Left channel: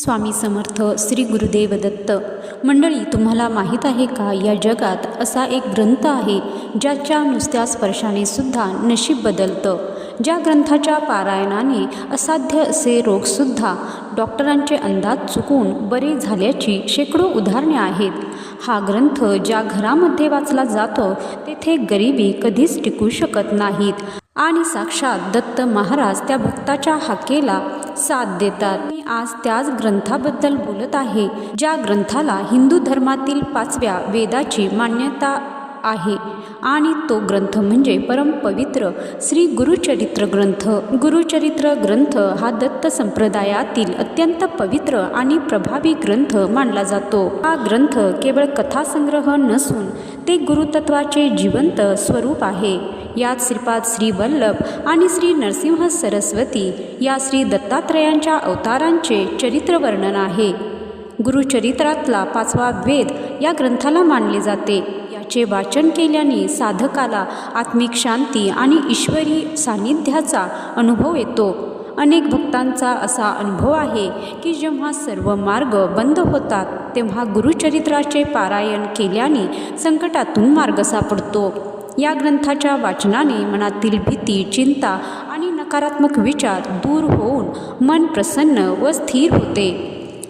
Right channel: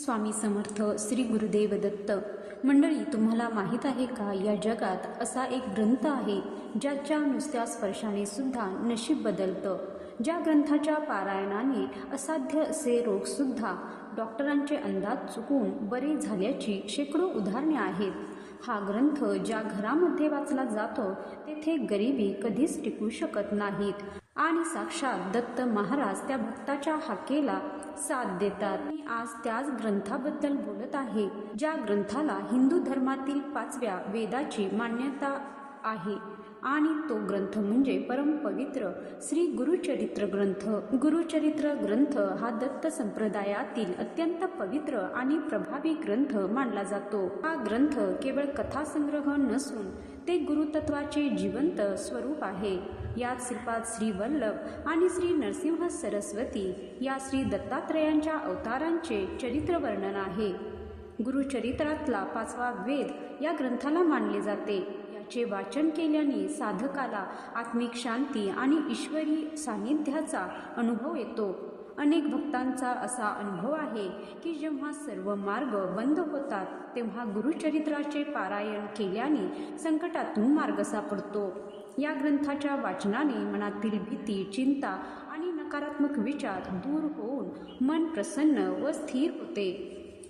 स्वामी समर्थ श्री गुरुदेव दत्त. मंडळी तुम्हाला माहीत आहे का? या जगात असा एक ग्रंथ आहे ज्याच्या नुसत्या स्पर्शाने सुद्धा नशीब बदलतं. ज्या ग्रंथाच्या पारायणाने असाध्य असे रोगसुद्धा डॉक्टरांचे अंदाज चुकून बरे झाल्याची शेकडो उदाहरणे आहेत. हा ग्रंथ ज्या घरामध्ये वाचला जातो तेथे गरिबी कधीच टिकू शकत नाहीत. आणि साक्षात दत्त महाराज त्या भक्ताच्या हाकेला साथ देतात. मी आज त्याच ग्रंथाबद्दल बोलत आहे ज्या ग्रंथाला हिंदू धर्मातील पाचव्या वेदाची मान्यता आहे. आणि तो ग्रंथ म्हणजे परमपवित्र श्री गुरुचरित्र ग्रंथ. गुरुचरित्र ग्रंथ हा दत्त संप्रदायातील अत्यंत पवित्र आणि प्रभावी ग्रंथ मानला जातो. हा ग्रंथ केवळ कथासंग्रह नसून ते गुरुतत्वाचे जिवंत स्वरूप आहे. यात श्रीपाद श्री वल्लभ आणि श्री नरसिंह सरस्वती या श्री दत्तात्रयांच्या अवतारांचे चरित्र वर्णन आहे. गुरुचरित्रातला पाचवा वेद या ग्रंथाला मानले जाते. चे वाचन केल्याने साधकाला आत्मिक शांती आणि ईश्वरी सान्निध्याचा अनुभव येतो. अनेक भक्तांचा असा अनुभव आहे की जेव्हा सर्व मार्ग बंद होतात तेव्हा गुरुचरित्राचे पारायण केल्याने संकटातून मार्ग सापडतो. या ग्रंथाच्या वाचनाने मनातील भीती चिंता आणि नकारात्मक विचार दूर होऊन मन प्रसन्न व स्थिर होते.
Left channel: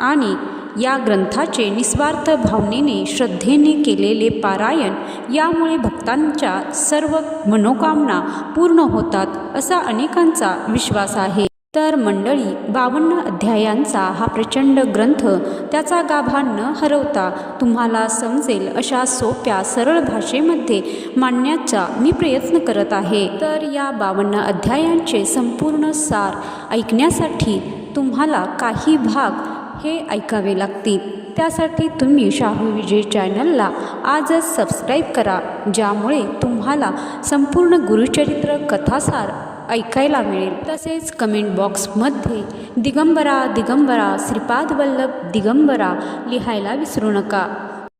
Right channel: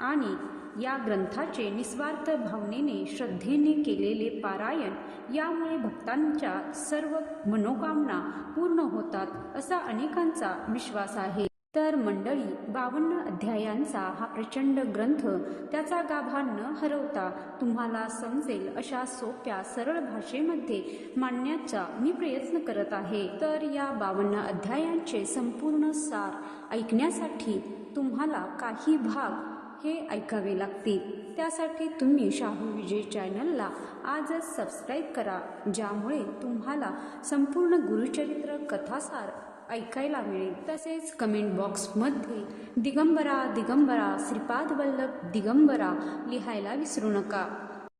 आणि या ग्रंथाचे निस्वार्थ भावनेने श्रद्धेने केलेले पारायण यामुळे भक्तांच्या सर्व मनोकामना पूर्ण होतात असा अनेकांचा विश्वास आहे. तर मंडळी बावन्न अध्यायांचा हा प्रचंड ग्रंथ त्याचा गाभा न हरवता तुम्हाला समजेल अशा सोप्या सरळ भाषेमध्ये मांडण्याचा मी प्रयत्न करत आहे. तर या बावन्न अध्यायांचे संपूर्ण सार ऐकण्यासाठी तुम्हाला काही भाग हे ऐकावे लागतील. त्यासाठी तुम्ही शाहू विजय चॅनलला आजच सबस्क्राईब करा ज्यामुळे तुम्हाला संपूर्ण गुरुचरित्र कथासार ऐकायला मिळेल. तसेच कमेंट बॉक्समध्ये दिगंबरा दिगंबरा श्रीपाद वल्लभ दिगंबरा लिहायला विसरू नका.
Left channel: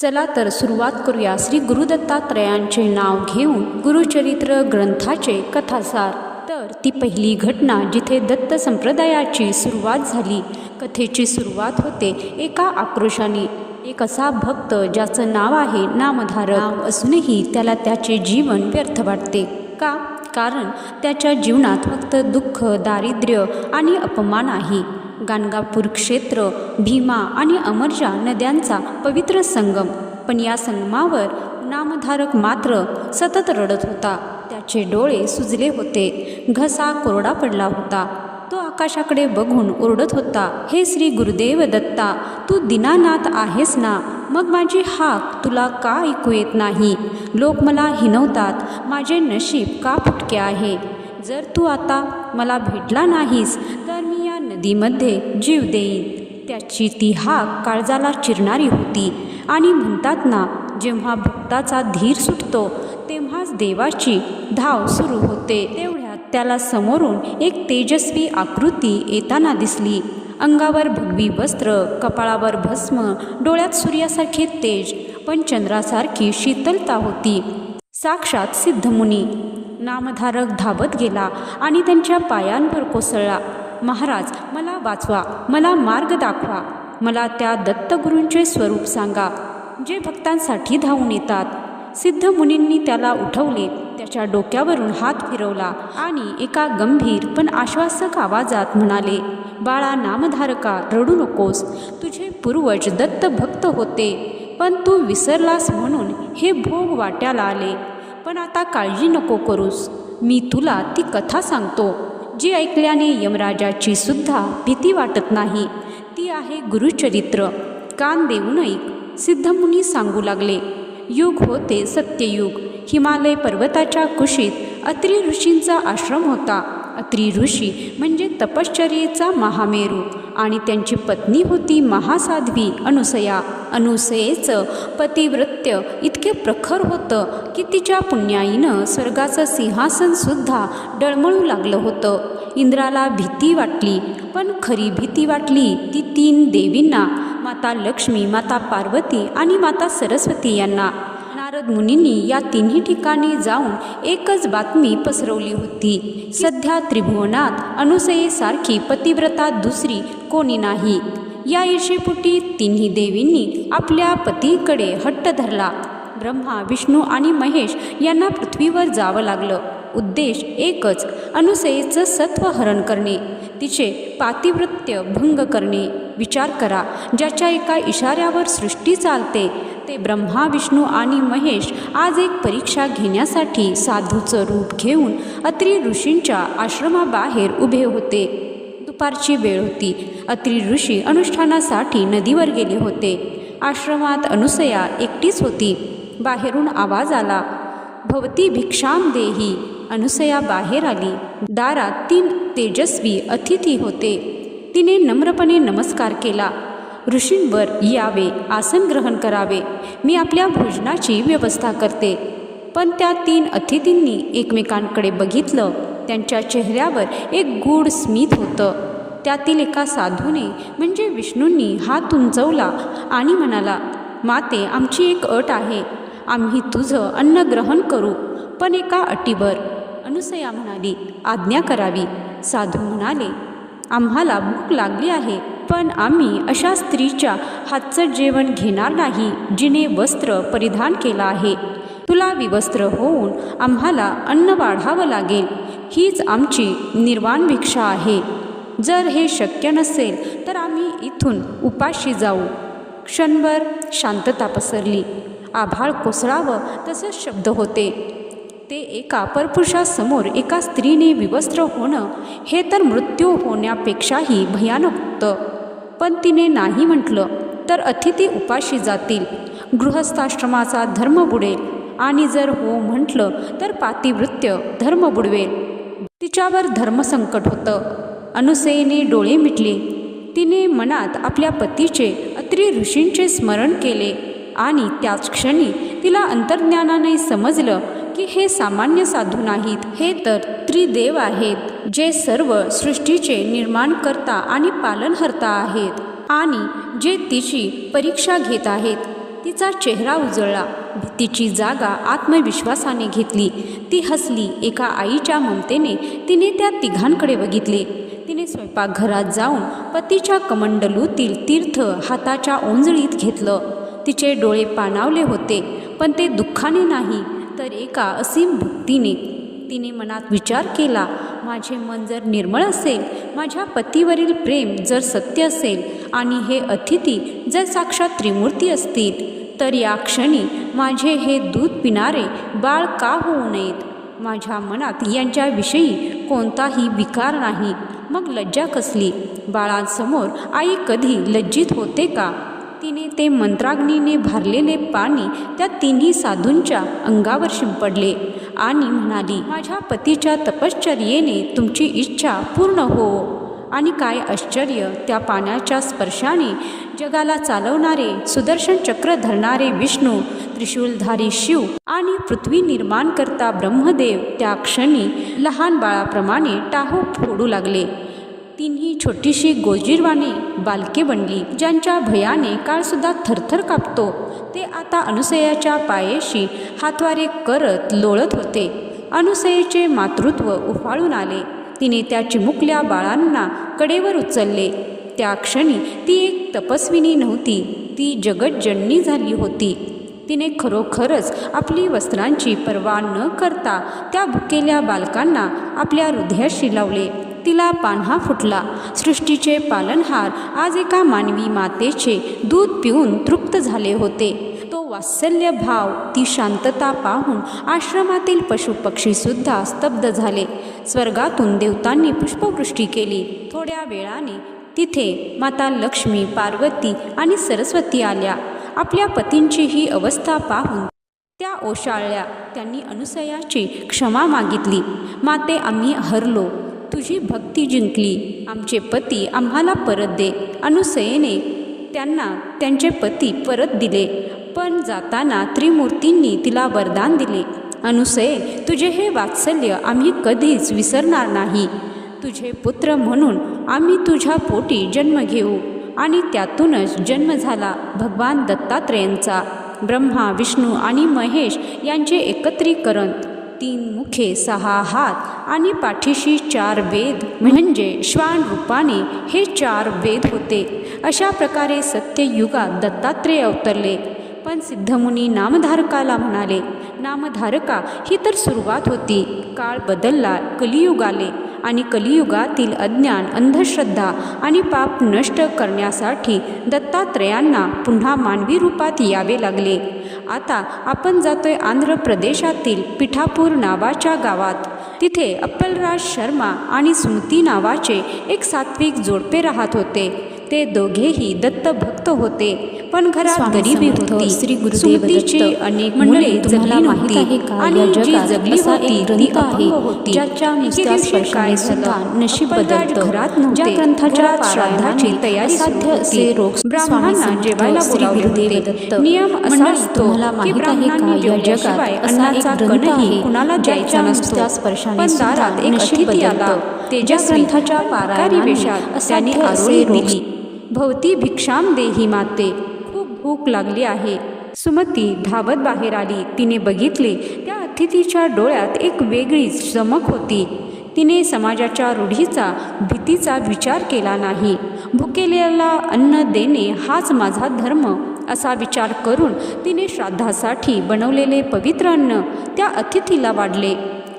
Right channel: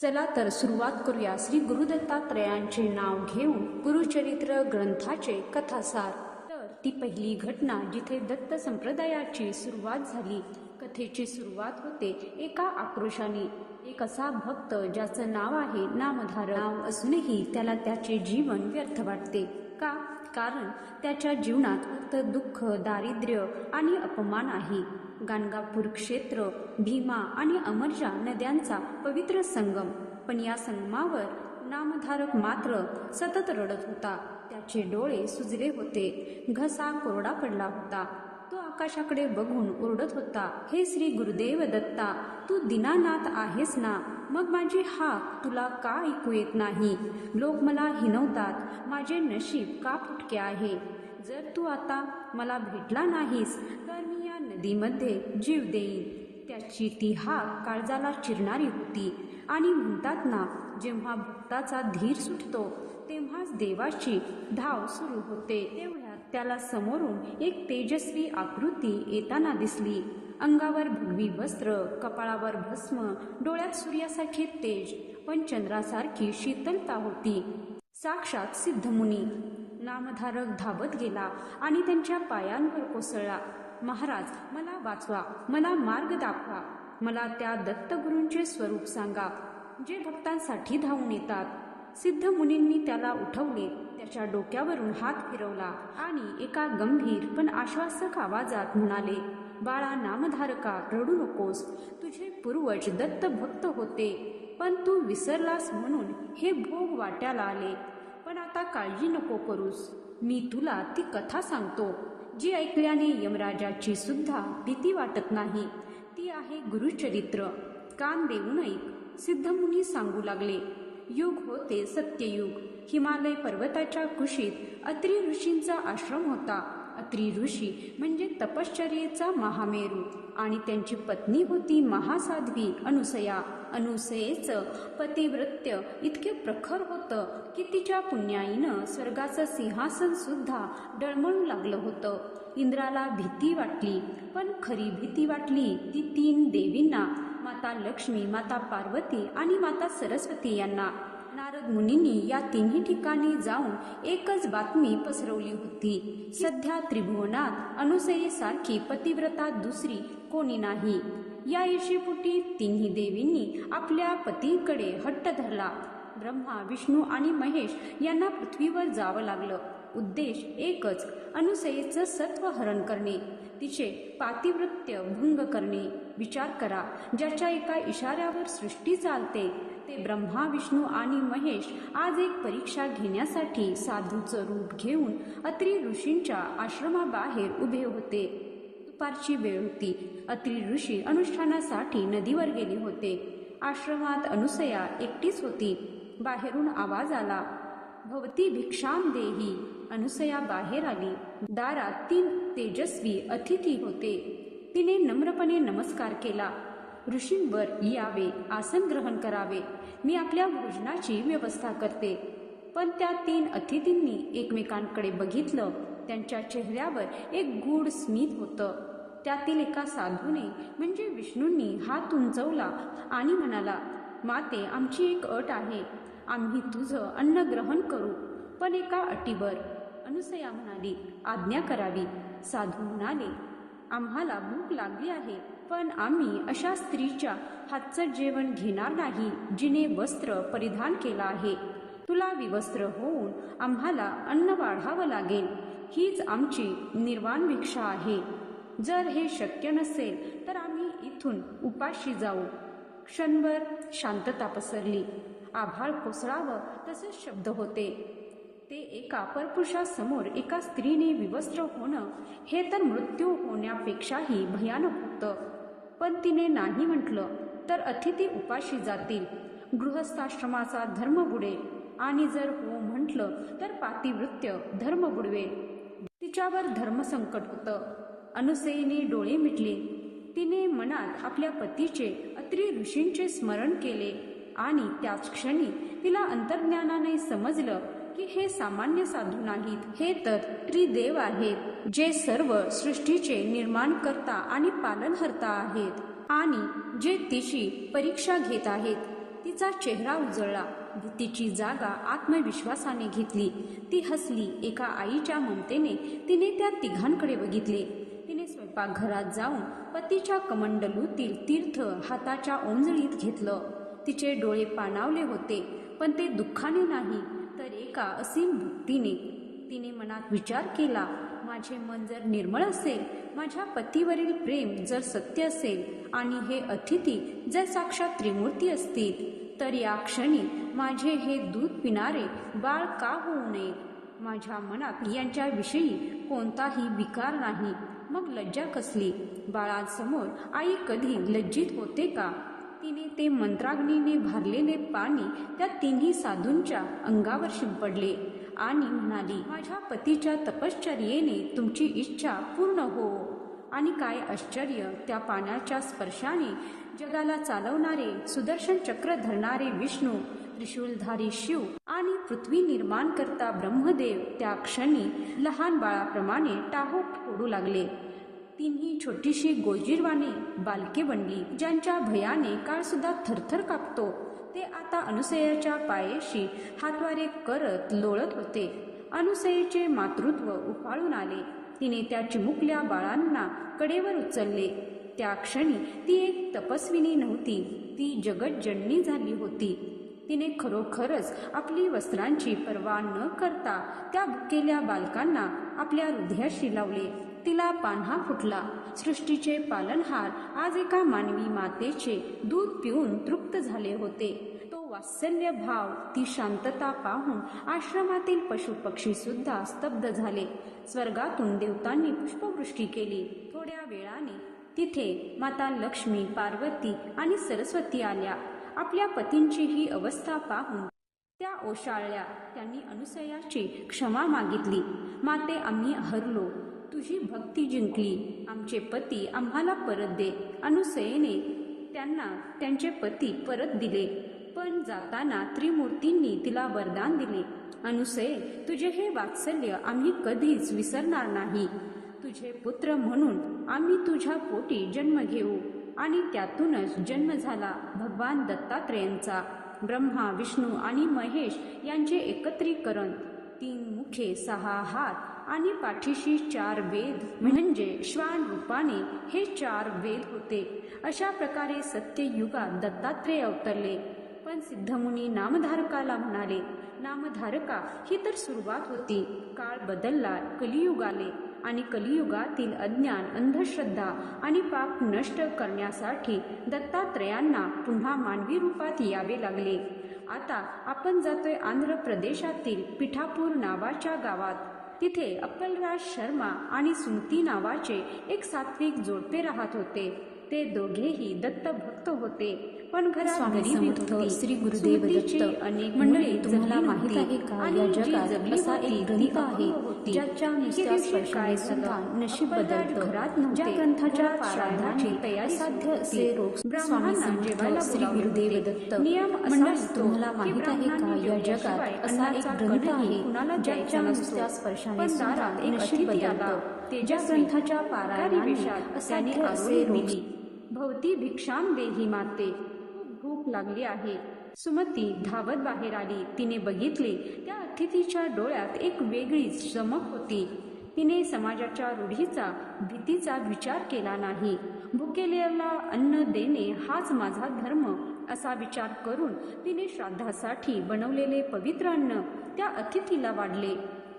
चला तर सुरुवात करूया श्री गुरुदत्तात्रयांचे नाव घेऊन गुरुचरित्र ग्रंथाचे कथासार. तर ती पहिली घटना जिथे दत्त संप्रदायाची सुरुवात झाली कथेची सुरुवात होते एका आक्रोशाने. एक असा भक्त ज्याचं नाव आहे नामधारक. असूनही त्याला त्याचे जीवन व्यर्थ वाटते. का? कारण त्याच्या जीवनात फक्त दुःख दारिद्र्य आणि अपमान आहे. गाणगापूर क्षेत्र भीमा आणि अमरजा नद्यांचा पवित्र संगम. पण या संगमावर नामधारक मात्र सतत रडत होता. त्याचे डोळे सुजले होते. घसा कोरडा पडला होता. तो आकाशाकडे बघून ओरडत होता हे श्री गुरुदेव दत्ता तू दिनानाथ आहेस ना? मग माझी हाक तुला का ऐकू येत नाही? लोक मला हिनवतात माझे नशीब का फुटके आहे? जर तू आता मला भेटला नाहीस तर मी या नदीमध्ये जीव देईन. त्याची ती हाक काळजाला चिरणारी होती. आणि म्हणतात ना जेव्हा भक्ताचा धीर सुटतो तेव्हा देवाची धाव सुरू होते. तेवढ्यात त्याला समोरून एक तेजस्वी आकृती येताना दिसली. अंगावर भगवी वस्त्र कपाळावर भस्म डोळ्यात सूर्यासारखे तेज पण चंद्रासारखी शीतलता होती. साक्षात सिद्धमुनी. नामधारक धावत गेला आणि त्यांच्या पायांवर कोसळला. महाराज मला वाचवा मला मार्ग दाखवा. मला त्या दत्तगुरूंचे स्वरूप सांगा. जे भक्तांसाठी धावून येतात. सिद्ध मुनींनी त्याला उठवले. त्याच्या डोक्यावरून हात फिरवला आणि एका गंभीर पण आश्वासक आवाजात म्हणाले बाळा नामधारका रडू नकोस. तुझे पूर्वज दत्त भक्त होते. पण तू विसरलास म्हणून हे भोग वाट्याला आले. पण आता काळजी नको करूस. मी तुला ती कथा सांगतो. जी ऐकल्याने यमराजाची सुद्धा भीती वाटत नाही. ती आहे गुरुचरित्र. कान देऊन ऐक. सिद्धमुनी सांगू लागले. युग होते सत्ययुग. हिमालय पर्वताच्या कुशीत अत्रि ऋषींचा आश्रम होता. अत्रि ऋषी म्हणजे तपश्चर्येचा महामेरू आणि त्यांची पत्नी होती महासाध्वी अनुसया. अनुसयेचं पतिवृत्य इतके प्रखर होतं की तिच्या पुण्याईनं स्वर्गाचं सिंहासनसुद्धा डळमळू लागलं होतं. इंद्राला भीती वाटली पण खरी भीती वाटली ती तीन देवींना. माता लक्ष्मी माता पार्वती आणि माता सरस्वती यांना नारद मुनींनी या तिन्ही ठिकाणी जाऊन एकच बातमी पसरवली होती. सध्या त्रिभुवनात अनुसयेसारखी पतिव्रता दुसरी कोणी नाही. या ईर्षेपुटी तिन्ही देवींनी आपल्या पतीकडे हट्ट धरला. ब्रह्मा विष्णू आणि महेश यांना पृथ्वीवर जावं लागलं. उद्देश एकच अनुसयेचं सत्व हरण करणे. तिचे पातिवृत्य भंग करणे. विचार करा ज्याच्या एका इशाऱ्यावर सृष्टी चालते ते ब्रह्मा विष्णू आणि महेश आज एक परीक्षा घेण्यासाठी साधूचं रूप घेऊन अत्री ऋषींच्या आश्रमाबाहेर उभे होते. दुपारची वेळ होती. अत्री ऋषी अनुष्ठानासाठी नदीवर गेले होते. आश्रमात अनुसया एकटीच होती. बाहेरून आवाज आला भवती भिक्षाम देही. अनुसया बाहेर आली. दारात तीन तेजस्वी अतिथी होते. तिने नम्रपणे नमस्कार केला. ऋषींवर यावे आसन ग्रहण करावे. मी आपल्या भोजनाची व्यवस्था करते. पण त्या तीन अतिथींनी एकमेकांकडे बघितलं. त्यांच्या चेहऱ्यावर एक गूढ स्मित होतं. त्यातील एका साधूने म्हणजे विष्णूंनी हात उंचवला आणि म्हणाला माते आमची एक अट आहे. आम्ही तुझं अन्न ग्रहण करू पण एका अटीवर. अनुसया म्हणाली आज्ञा करावी. साधू म्हणाले आम्हाला भूक लागली आहे पण आम्ही अशा स्त्रीच्या हातचं जेवण घेणार नाही जिने वस्त्र परिधान केलं आहे. तुला विवस्त्र होऊन आम्हाला अन्न वाढावं लागेल हीच आमची निर्वाण भिक्षा आहे. जर हे शक्य नसेल तर आम्ही इथून उपाशी जाऊ. क्षणभर शांतता पसरली. आभाळ कोसळावं तसंच शब्द होते. ते एका परपुरुषासमोर एका स्त्रीने विवस्त्र होणं हे तर मृत्यू होण्यापेक्षाही भयानक होतं. पण तिने नाही म्हटलं तर अतिथी उपाशी जातील. गृहस्थाश्रमाचा धर्म बुडेल. आणि जर हो म्हटलं तर पातिवृत्य धर्म बुडवेल. तिच्यावर धर्मसंकट होतं. अनुसयेने डोळे मिटले. तिने मनात आपल्या पतीचे अत्री ऋषींचे स्मरण केले. आणि त्याच क्षणी तिला अंतर्ज्ञानाने समजलं की हे सामान्य साधू नाहीत. हे तर त्रिदेव आहेत जे सर्व सृष्टीचे निर्माणकर्ता आणि पालनहर्ता आहेत. आणि जे तिची परीक्षा घेत आहेत तिचा चेहरा उजळला भीतीची जागा आत्मविश्वासाने घेतली. ती हसली एका आईच्या ममतेने तिने त्या तिघांकडे बघितले. तिने स्वयंपाकघरात जाऊन पतीच्या कमंडलूतील तीर्थ हाताच्या ओंजळीत घेतलं. तिचे डोळे पाणावले होते पण ते दुःखाने नाही आहे एका असीम भक्तीने तिने मनात विचार केला माझे मन जर निर्मळ असेल माझ्या पतीवरील प्रेम जर सत्य असेल आणि हे अतिथी जर साक्षात त्रिमूर्ती असतील तर या क्षणी माझे हे दूध पिणारे बाळ का होऊ नयेत? माझ्या मनात यांच्याविषयी कोणताही विकार नाही. मग लज्जा कसली? बाळांसमोर आई कधी लज्जित होते का? तिने ते मंत्राग्नीने भारलेले पाणी त्या तिन्ही साधूंच्या अंगावर शिंपडले आणि म्हणाली माझ्या पतीच्या तपश्चर्येने तुमची इच्छा पूर्ण हो. आणि काय आश्चर्य त्या पाण्याच्या स्पर्शाने जगाला चालवणारे सुदर्शन चक्र धरणारे विष्णू त्रिशूलधारी शिव आणि पृथ्वी निर्माण करता ब्रह्मदेव त्या क्षणी लहान बाळाप्रमाणे टाहो फोडू लागले. तिन्ही छोटीशी गोजीरवाणी बालके बनली ज्यांच्या भयाने काळसुद्धा थरथर कापतो. ते आता अनुसयाच्या पायेशी हातवारे करत लोळत होते. अनुसयेचे मातृत्व उफाळून आले. तिने त्या चिमुकल्या बाळांना कडेवर उचलले. त्या क्षणी ती एक तपस्विनी नव्हती. ती जगज्जननी झाली होती. तिने खरोखरच आपली वस्त्रांची पर्वा न करता त्या भुकेल्या बालकांना आपल्या हृदयाशी लावले. तिला पान्हा फुटला. सृष्टीचे पालनहार आज एका मानवी मातेचे दूध पिऊन तृप्त झाले होते. तो वात्सल्य भाव ती शांतता पाहून आश्रमातील पशुपक्षीसुद्धा स्तब्ध झाले. स्वर्गातून देवतांनी पुष्पवृष्टी केली. थोड्या वेळाने तिथे माता लक्ष्मी पार्वती आणि सरस्वती आल्या. आपल्या पतींची ही अवस्था पाहून त्या ओशाळल्या. त्यांनी अनुसयाची क्षमा मागितली. माते आम्ही हरलो. तुझी भक्ती जिंकली. आमचे पती आम्हाला परत दे. अनुसयेने त्यांना त्यांचे पती परत दिले. पण जाताना त्रिमूर्तींनी तिला वरदान दिले. अनुसये तुझे हे वात्सल्य आम्ही कधीच विसरणार नाही. तुझे पुत्र म्हणून आम्ही तुझ्या पोटी जन्म घेऊ आणि त्यातूनच जन्म झाला भगवान दत्तात्रेयांचा. ब्रह्मा विष्णू आणि महेश यांचे एकत्रीकरण. तीन मुखे सहा हात आणि पाठीशी चार वेद. म्हणजे श्वान रूपाने हे चार वेद होते. अशा प्रकारे सत्ययुगात दत्तात्रेय अवतरले. पण सिद्धमुनी नामधारकाला म्हणाले नामधारका ही तर सुरुवात होती. काळ बदलला कलियुग आले आणि कलियुगातील अज्ञान अंधश्रद्धा आणि पाप नष्ट करण्यासाठी दत्तात्रयांना पुन्हा मानवी रूपात यावे लागले. आता आपण जातोय आंध्र प्रदेशातील पिठापूर नावाच्या गावात. तिथे अप्पलराज शर्मा आणि स्मृती नावाचे एक सात्विक जोडपे राहत होते. ते दोघेही दत्तभक्त होते पण घरात गरिबी होती श्री गुरुदेव सुमतीची दत्त. अनेक मुले तुम्हाला जगली माहीत नव्हती आहे का, आणि जी जगली होती ती आहे, होती ज्याच्या नुसत्या स्पर्शाने सुद्धा? नशीब बदलतं. घरात ज्या ग्रंथाच्या श्राद्धाची तयारी होती. असे रोग ब्राह्मणांना जेवायला श्री गुरुदेव. नियम असा असतो की ब्राह्मणांनी जेवल्याशिवाय अन्नाचा कणही कुणाला द्यायचा ज्याच्या नसतो स्पर्शाने सुद्धा एक अतिथी आला बदलतं. ज्या ग्रंथाच्या पारायणाने वेशात त्यांनी आरोळी दिली भवती भिक्षाम देही माते. खूप भूक लागली आहे. सुमती धावत बाहेर आली. तिने बघितले त्या अतिथीच्या डोळ्यात एक वेगळीच चमक होती. तिने समाजाच्या रूढीचा भीतीचा विचार केला नाही. भुकेलेला अन्न देणे हाच माझा धर्म असा विचार करून तिने श्राद्धासाठी बनवलेले पवित्र अन्न त्या अतिथीला वाढले.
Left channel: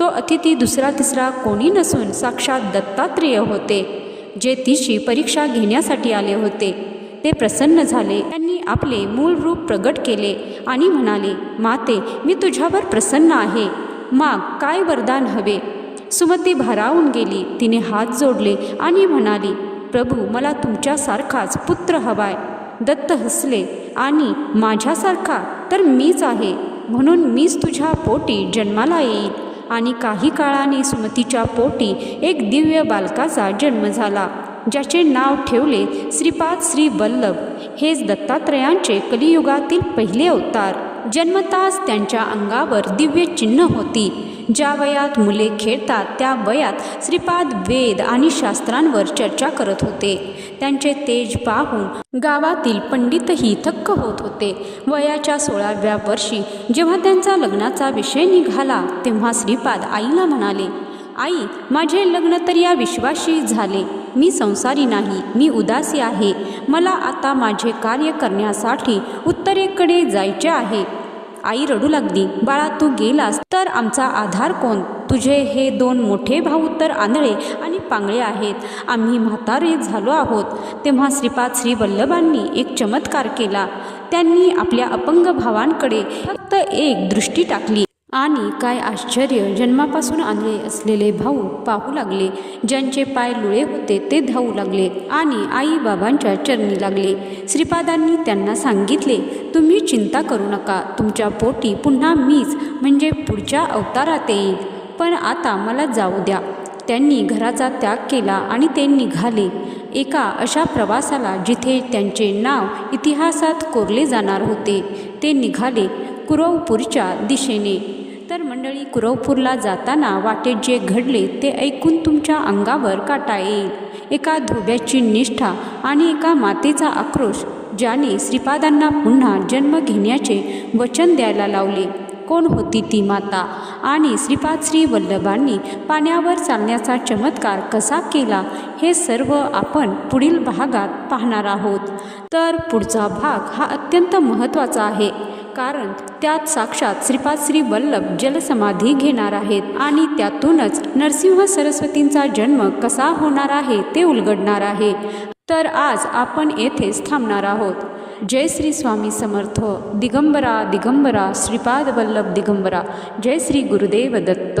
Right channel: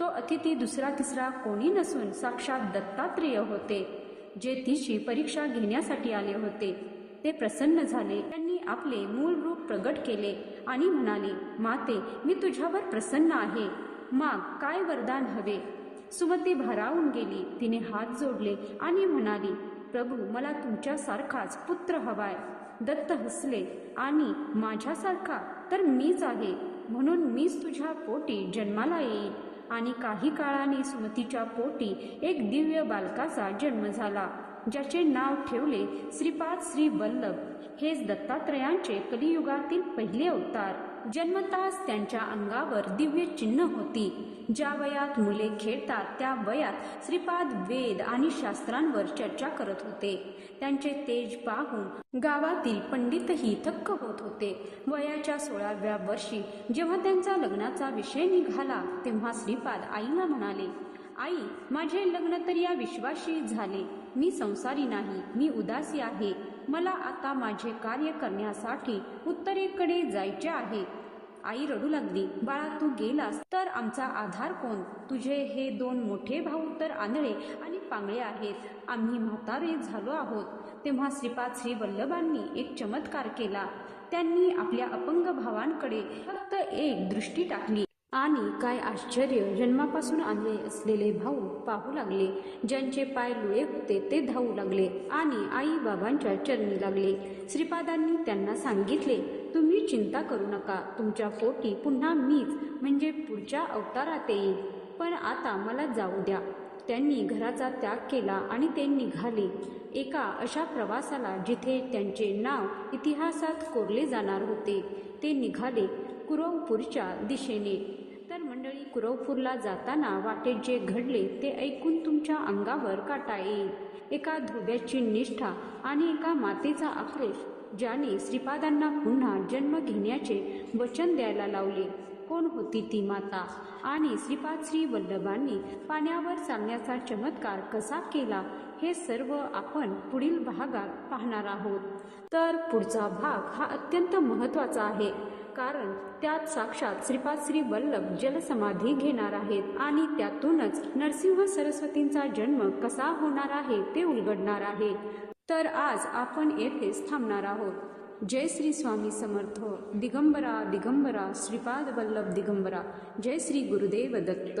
तो अतिथी दुसरा तिसरा कोणी नसून साक्षात दत्तात्रेय होते. जे तिची परीक्षा घेण्यासाठी आले होते. ते प्रसन्न झाले. त्यांनी आपले मूळ रूप प्रगट केले आणि म्हणाले माते मी तुझ्यावर प्रसन्न आहे. माग काय वरदान हवे? सुमती भारावून गेली. तिने हात जोडले आणि म्हणाली प्रभू मला तुमच्यासारखाच पुत्र हवाय. दत्त हसले आणि माझ्यासारखा तर मीच आहे. म्हणून मीच तुझ्या पोटी जन्माला येईल आणि काही काळाने सुमतीच्या पोटी एक दिव्य बालकाचा जन्म झाला ज्याचे नाव ठेवले श्रीपाद श्री वल्लभ. हेच दत्तात्रयांचे कलियुगातील पहिले अवतार. जन्मताच त्यांच्या अंगावर दिव्य चिन्ह होती. ज्या वयात मुले खेळतात त्या वयात श्रीपाद वेद आणि शास्त्रांवर चर्चा करत होते. त्यांचे तेज पाहून गावातील पंडितही थक्क होत होते. वयाच्या सोळाव्या वर्षी जेव्हा त्यांचा लग्नाचा विषय निघाला तेव्हा श्रीपाद आईला म्हणाले आई माझे लग्न तर या विश्वाशी झाले. मी संसारी नाही मी उदासी आहे. मला आता माझे कार्य करण्यासाठी उत्तरेकडे जायचे आहे. आई रडू लागली. बाळा तू गेलास तर आमचा आधार कोण? तुझे हे दोन मोठे भाऊ तर आंधळे आणि पांगळे आहेत. आम्ही म्हातारे झालो आहोत. तेव्हा श्रीपाद श्री वल्लभांनी एक चमत्कार केला. त्यांनी आपल्या अपंग भावांकडे फक्त एक दृष्टी टाकली. आणि काय आश्चर्य जन्मापासून आले असलेले भाऊ पाहू लागले. ज्यांचे पाय लुळे होते ते धावू लागले आणि आई बाबांच्या चरणी लागले. श्रीपादांनी त्यांना सांगितले तुम्ही चिंता करू नका तुमच्या पोटी पुन्हा मीच म्हणजे पुढच्या अवतारात येईल. पण आता मला जाऊ द्या. त्यांनी घराचा त्याग केला आणि ते निघाले. एका अशा प्रवासाला जिथे त्यांचे नाव इतिहासात कोरले जाणार होते ते निघाले कुरवपूरच्या दिशेने. मंडळी कुरवपूरला जाताना वाटेत जे घडले ते ऐकून तुमच्या अंगावर काटा येईल. एका धोब्याची निष्ठा आणि एका मातेचा आक्रोश ज्याने श्रीपादांना पुन्हा जन्म घेण्याचे वचन द्यायला लावले. कोण होती ती माता? आणि श्रीपाद श्री वल्लभांनी पाण्यावर चालण्याचा चमत्कार कसा केला? हे सर्व आपण पुढील भागात पाहणार आहोत. तर पुढचा भाग हा अत्यंत महत्त्वाचा आहे. कारण त्यात साक्षात श्रीपाद श्री वल्लभ जलसमाधी घेणार आहेत आणि त्यातूनच नरसिंह सरस्वतींचा जन्म कसा होणार आहे ते उलगडणार आहे. तर आज आपण येथेच थांबणार आहोत. जय श्री स्वामी समर्थ. दिगंबरा दिगंबरा श्रीपाद वल्लभ दिगंबरा. जय श्री गुरुदेव दत्त.